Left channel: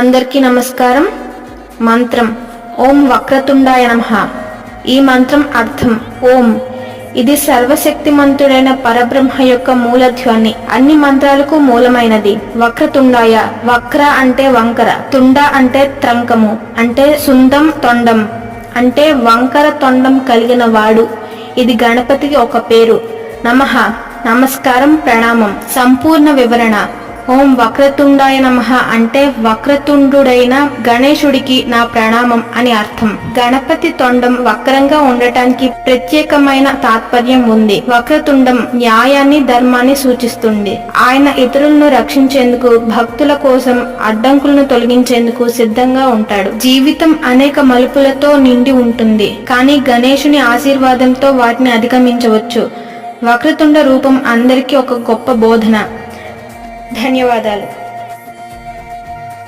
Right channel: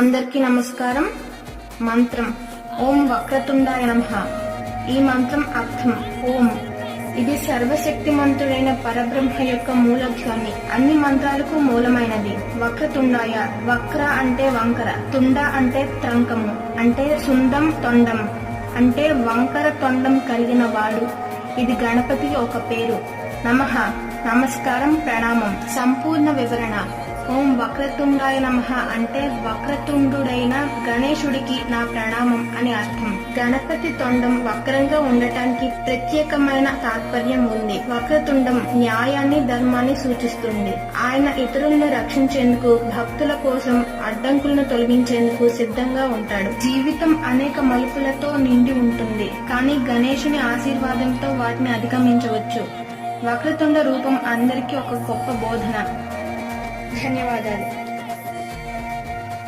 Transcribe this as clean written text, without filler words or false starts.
అందరికీ నమస్కారం. మంత్రం ఓం వక్రతుండాయ నమః. ఈ మంత్రం అర్థం ఓం. ఇది సర్వశక్తిమంతుడైన పరబ్రహ్మ యొక్క మూలధ్వని. అన్ని మంత్రాలకు మూలమైనది. వక్రతుండాయ, వక్ర అంటే వంకర, తుండ అంటే త్రంకము, అంటే సుందం, తొండం అంటే వంకర తొండం కలిగిన వాడు. ఇది గణపతికి ఒక పేరు. నమః నమస్కారం, ప్రణామం. సంపూర్ణ వివరణ. ఓం వక్రతుండాయ నమః అంటే వక్రతుండుడైన గణేశుడికి నా ప్రణామం అని అర్థం. గణపతి తొండం వక్రంగా ఉండటానికి ప్రత్యేకమైన తాత్పర్యం ఉంది. వక్రతుండం న్యాయాన్ని, ధర్మాన్ని సూచిస్తుంది. ఆయన ఇతరులను రక్షించేందుకు, భక్తుల కోసం అడ్డంకులను తొలగించేందుకు సిద్ధంగా ఉంటాడు. జీవితం అనేక మలుపులతో నిండి ఉంటుంది, కానీ గణేశుని ఆశీర్వాదంతో వాటిని అధిగమించవచ్చు. వక్రతుండ రూపం అందరికీ ఒక గొప్ప బోధన. ధన్యవాదాలు.